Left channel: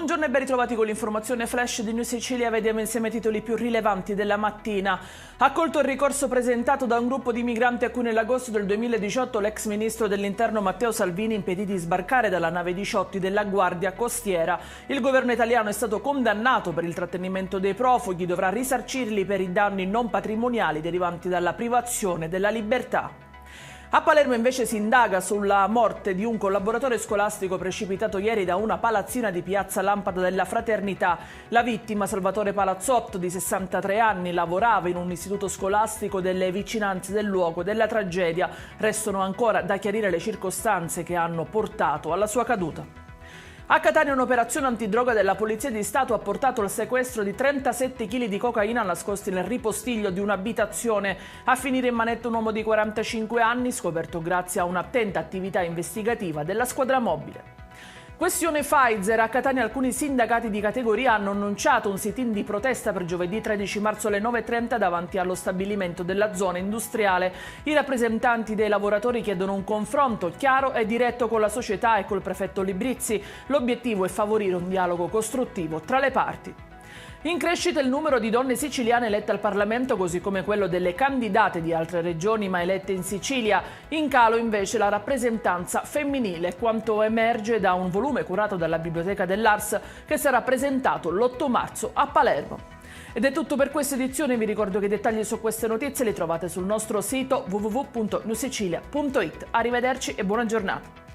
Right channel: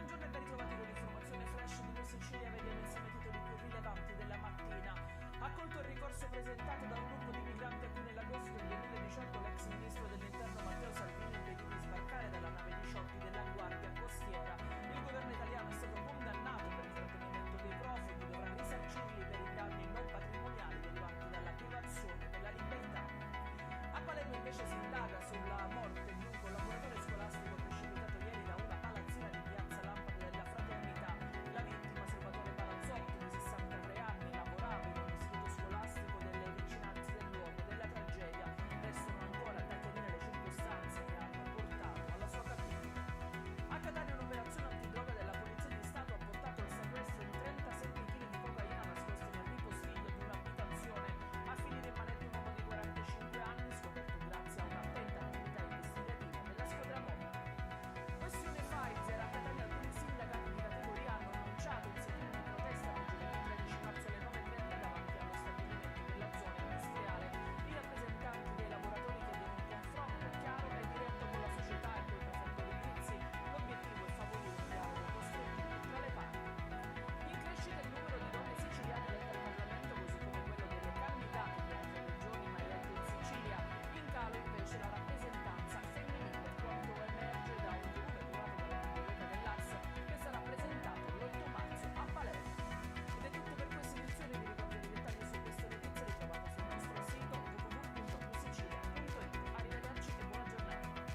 Buongiorno e ben ritrovati con l'informazione flash di News Sicilia. Vediamo insieme i titoli più rilevanti della mattina. Accolto il ricorso presentato da un gruppo di migranti a cui nell'agosto del 2018 l'ex ministro dell'Interno Matteo Salvini impedì di sbarcare dalla nave Diciotti della Guardia Costiera. Il governo italiano è stato condannato per il trattenimento dei profughi, dovrà risarcirli per i danni non patrimoniali derivanti dalla privazione della libertà. A Palermo invece si indaga sulla morte di un collaboratore scolastico precipitato ieri da una palazzina di Piazza Lampada della Fraternità. La vittima, Salvatore Palazzotto, di 63 anni, lavorava in un istituto scolastico delle vicinanze del luogo della tragedia. Restano ancora da chiarire le circostanze che hanno portato alla sua caduta. A Catania un'operazione antidroga della Polizia di Stato ha portato al sequestro di 37 kg di cocaina nascosti nel ripostiglio di un'abitazione. A finire in manetta un uomo di 45 anni, scoperto grazie a un'attenta attività investigativa della squadra mobile. Questione Pfizer. A Catania alcuni sindacati di categoria hanno annunciato un sit-in di protesta per giovedì 13 marzo alle 9:30 davanti allo stabilimento della zona industriale. I rappresentanti dei lavoratori chiedono un confronto chiaro e diretto con la società e col prefetto Librizzi. L'obiettivo è favorire un dialogo costruttivo tra le parti. In crescita il numero di donne siciliane elette al Parlamento, così come quello delle candidate di altre regioni ma elette in Sicilia. In calo invece la rappresentanza femminile, quanto emerge da un volume curato dalla Biblioteca dell'Ars che sarà presentato l'8 marzo a Palermo. Ed è tutto per questa edizione, vi ricordo che i dettagli su queste notizie li trovate sul nostro sito www.newsicilia.it. Arrivederci e buona giornata.